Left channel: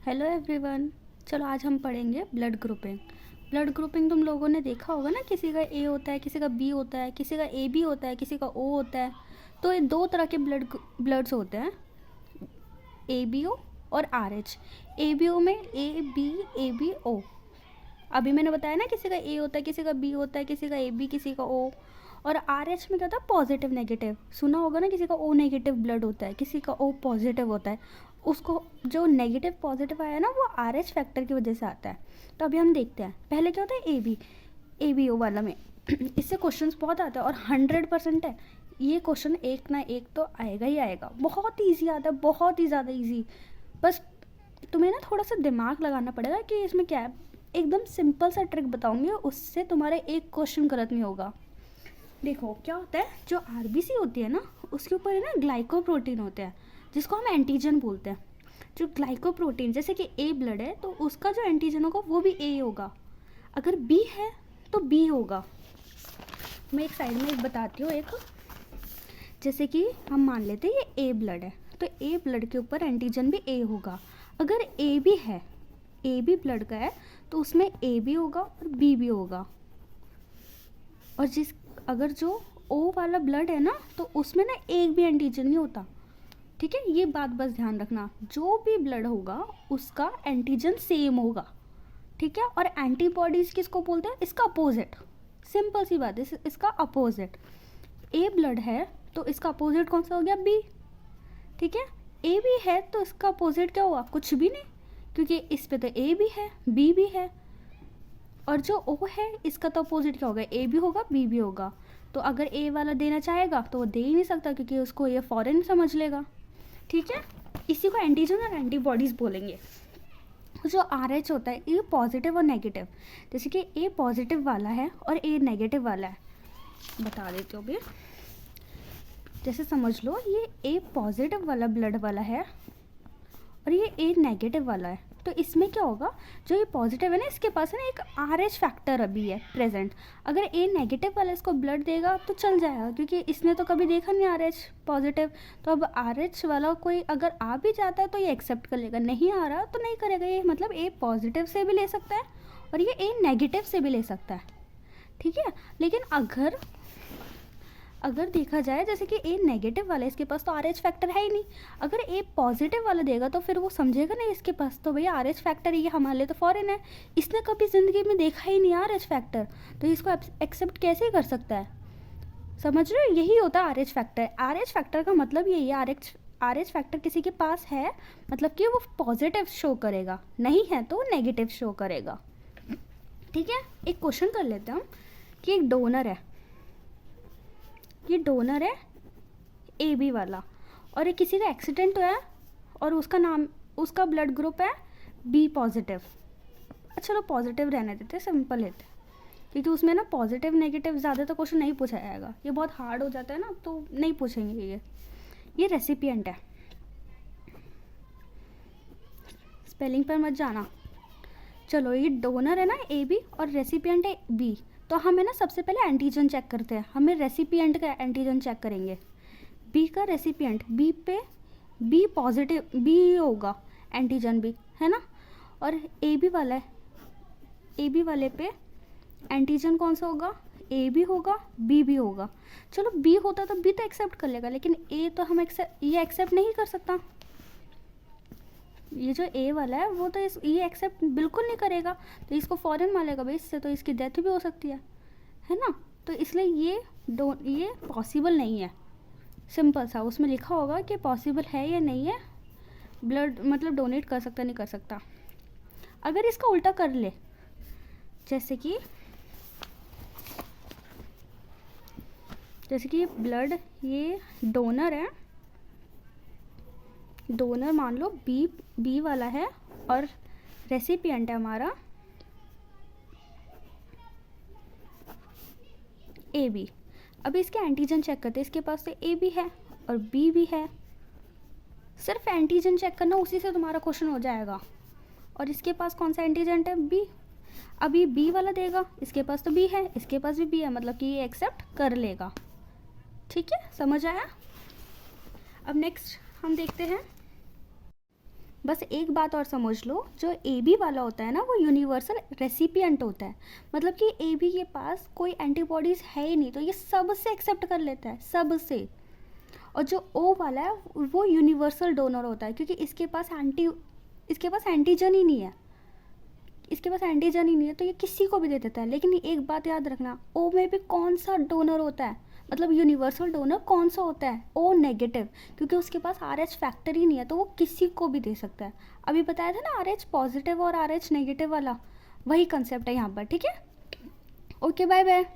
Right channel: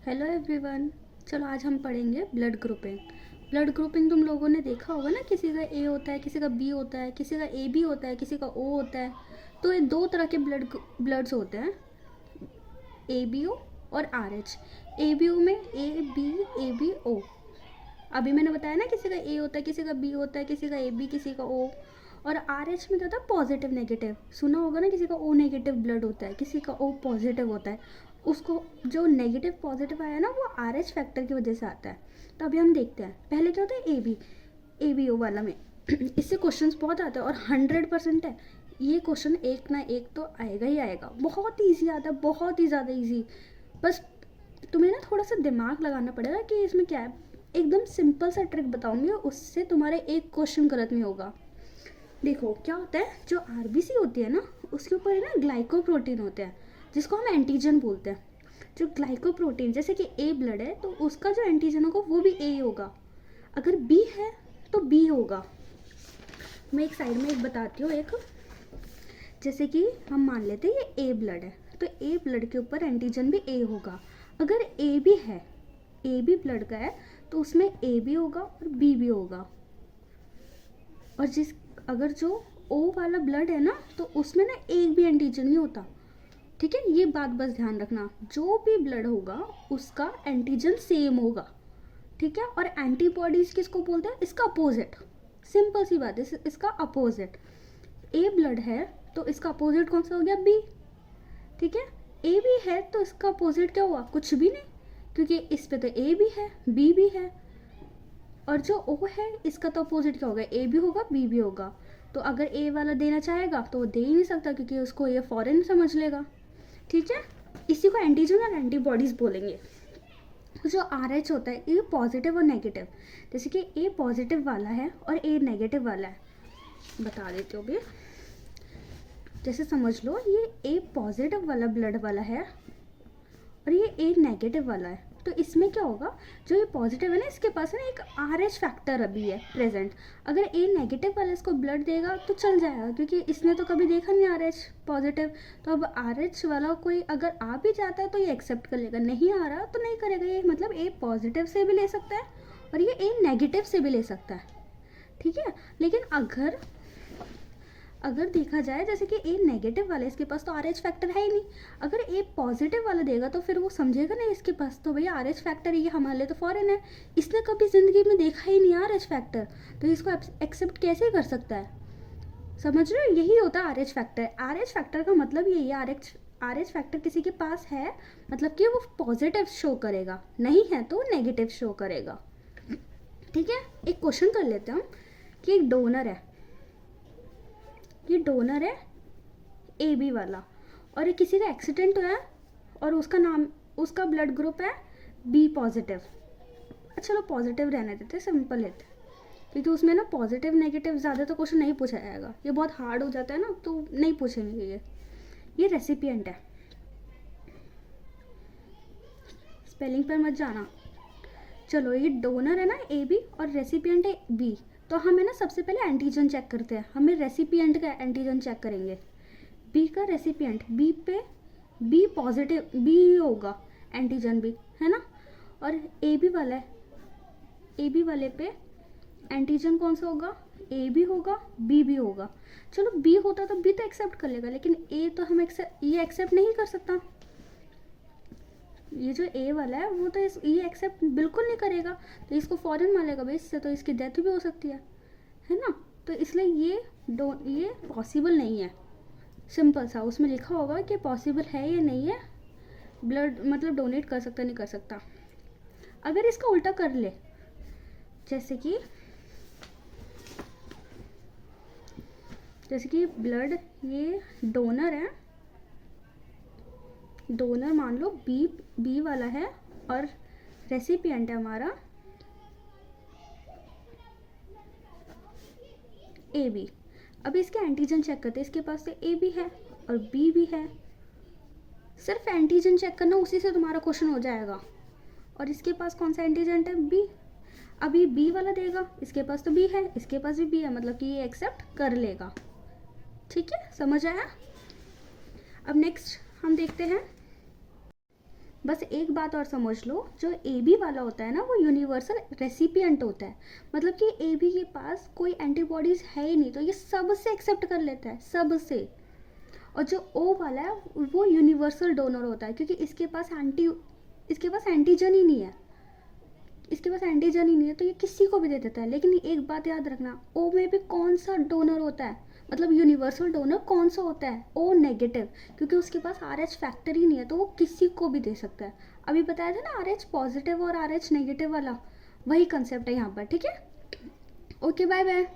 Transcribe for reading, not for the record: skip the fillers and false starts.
Hello everyone. चलो आज हम पढ़ेंगे ब्लड ग्रुपिंग। ब्लड ग्रुपिंग तुम लोगों ने देखा होगा ना, किसी का ए होता है, किसी का बी होता है, किसी का ए बी होता है, किसी का ओ होता है। तो ये दो तरह के ब्लड्स होते हैं, ए बी ओ और R H. A B O में ए बी ओ। अभी मैंने बताया ना, किसी का ए होता है, किसी का बी होता है, किसी का ए बी, किसी का ओ। और आर एच में क्या होता है, पॉजिटिव नेगेटिव। सुना होगा ना, किसी का ओ नेगेटिव ब्लड होता है, किसी का ओ पॉजिटिव होता है। उसको जो नेगेटिव पॉजिटिव आया ना, वो आर एच फैक्टर की वजह से आता है। तो अभी हम देखते हैं, पहले क्या होता है ए बी ओ वाला में इससे क्वेश्चंस बहुत आते हैं और 100% है ये क्वेश्चन, एक ना एक तो आएगा ही आएगा। बहुत ईजी आता है, बहुत ही ज़्यादा ईजी। बस तुम्हें ना थोड़ा सा दिमाग लगाना पड़ेगा कि इसमें क्या है। एकदम सिंपल सा ट्रिक बताऊंगी, उससे तुम्हारे एक क्वेश्चन गलत नहीं होगा। देखो क्या होता है, जो आरबीसी होती है ना, उसके ऊपर है ना ग्लाइकोप्रोटीन होते हैं, जिसको हम एंटीजन बोलते हैं। जो ग्लाइकोप्रोटीन, जैसे कि ए ब्लड है तो उसका जो एंटीजन होगा वो भी ए होगा। अगर बी है तो बी होगा। मैं एक साइड में एक बताती हूँ। एक जैसे कि हम मान लेते हैं ये ए ब्लड है, तो ए ब्लड के ऊपर एंटीजन भी ए होगा। अगर ए बी है, ए बी ब्लड का है, तो उसमें ए भी होगा और बी भी होगा। और जिस अगर जो ओ वाला ब्लड है ना, तो उसमें ना एक भी एंटीजन नहीं होता। ठीक है, ये बात बस ध्यान रखना, जो भी ब्लड होगा उसका एंटीजन सेम होगा। ठीक है, और एंटीबॉडीज किसको बोलते हैं, इसका अपोजिट। सिंपल सी बात है, इसका अपोजिट। ए ब्लड है तो इसका अपोजिट कौन सा हो गया, बी। ठीक है, ए बी है तो इसका अपोजिट क्या हुआ, कुछ भी नहीं, क्योंकि इस पे तो ए भी है, बी भी है। और जो ओ है इसका तो अपोजिट क्या होगा, ए भी होगा, बी भी होगा। तो अगर ए वाला देना चाहेगा तो वो दे ही नहीं सकता, क्योंकि उसको ये फॉरेन समझ लेगा। ठीक है, इसी को एंटीजन और एंटीबॉडीज बोलेंगे। जो आर एच होता है, ये पॉजिटिव और नेगेटिव। जैसे कि ए पॉजिटिव वाला है और ए नेगेटिव वाला है, बता देती हूँ अभी। जैसे समझ लो, ये ए पॉजिटिव वाला ब्लड वाला है और ये ए नेगेटिव वाला है। तो इसमें क्या होगा, जो ये पॉजिटिव है ना, इसके पास है ना एक आर एच फैक्टर अभी है प्रेजेंट। अगर ए नेगेटिव वाला इसको ब्लड देगा तो चल जाएगा, क्योंकि इसने तो कभी देखा नहीं आर एच पॉजिटिव। तो अब आर एच वाला कोई अगर आ भी जाता है तो ये एक्सेप्ट कर लेगा, नहीं आ रहा तो नहीं करेगा। ये मतलब ए पॉजिटिव से भी ले सकता है और ये ए नेगेटिव से भी ले सकता है। ठीक है, लेकिन अगर देखा जाए, जैसे कि ए नेगेटिव वाला है, इसके पास तो आर एच फैक्टर है ही नहीं। अगर ए पॉजिटिव वाला देगा तो फिर वो समझेगा नहीं, इसके पास तो भैया आर एच फैक्टर है, ये हमारे लिए तो फॉरेन है, इसने कभी ज़िंदगी में देखा ही नहीं आर एच फैक्टर, तो इसको एक्सेप्ट कैसे कर सकता है। समझ रहे हो, यही होता है R H factor. R H factor का मतलब यही है, आर एच फैक्टर किसी के पास है मतलब कि वो पॉजिटिव शो करेगा, नहीं है तो नेगेटिव शो करेगा। ठीक है, एक क्वेश्चन कर लेते हैं हम कि एक डोनर है, ये डोनर है ए बी वाला, और ये किसी का एक्सीडेंट हुआ है और उसका ब्लड ग्रुप है बी पॉजिटिव। अच्छा चलो पॉजिटिव रहने देते, सिंपल लेते, क्योंकि उसमें ना पॉजिटिव नेगेटिव ज़्यादा तो क्वेश्चन नहीं पूछा जाएगा, ये बहुत हार्ड हो जाता है ना, तो नहीं पूछेंगे ये रेसिपिएंट है। स्पेलिंग पर मत जाना। चलो, ये डोनर है ना ए बी और रेसिपिएंट है बी। तो हमें ना सबसे पहले एंटीजन चेक करते हैं, हमें रेसिपिएंट का एंटीजन चेक करेंगे। बी का रेसिपिएंट, बी पे बी पॉजिटिव, बी होगा एंटीजन भी, है ना। और ए बी वाला है, ए बी वाले पे एंटीजन कौन सा होगा, ए भी होगा, बी भी होगा। चलो बी होता तो बी तो एक्सेप्ट कर लेगा, लेकिन ए तो हम ये एक्सेप्ट नहीं कर सकता। ये जो ए वाला है वो तो ये एक्सेप्ट बिल्कुल नहीं करेगा, तो इसको फॉरेन मानेगा भाई, इससे तो इसकी डेथ भी हो सकती है ना। तो इसलिए ये पॉसिबल नहीं है। सिंपल सा उसमें लिखा होगा कि पॉसिबल है या नहीं है, ब्लड मतलब डोनेट कर सकता नहीं कर सकता। अगर इसका उल्टा कर ले, जैसे कि ब्लड, ये डोनर है, डोनर मान लो बी वाला है और रेसिपिएंट है हमारा ए बी। अब इसके एंटीजन चेक करते हैं, इसके पास तो ए भी है और बी भी है। सिर्फ एंटीजन चेक करना, उसी से तुम्हारा क्वेश्चन हो जाएगा। और इसके पास कौन सा एंटीजन है, बी। अभी बी वाला देगा, इसके पास तो बी है, इसके पास भी बी है, मतलब कि ये एक्सेप्ट कर लेगा। ठीक है, समझ आया। अब नेक्स्ट हम देखते हैं, बस एक बात और समझ लो, जो ए बी वाला होता है ना वो यूनिवर्सल रेसिपिएंट होता है, मतलब कि ए बी के पास कोई एंटीबॉडीज़ है ही नहीं, तो ये सबसे एक्सेप्ट कर लेता है, सबसे। और जो ओ वाला है वो यूनिवर्सल डोनर होता है, क्योंकि इसके पास एंटीजन ही नहीं है, इसके पास एंटीजन ही नहीं है, तो ये किसी को भी दे देता है। लेकिन एक बात याद रखना, ओ में भी कौन सा डोनर होता है, मतलब यूनिवर्सल डोनर कौन सा होता है, ओ नेगेटिव, क्योंकि उसके पास आर एच फैक्टर ही नहीं है, तो वो किसी को भी दे सकता है। अभी बताया था ना आर एच पॉजिटिव और आर एच नेगेटिव वाला, वही कंसेप्ट है यहाँ पर, ठीक है। Okay, bye bye.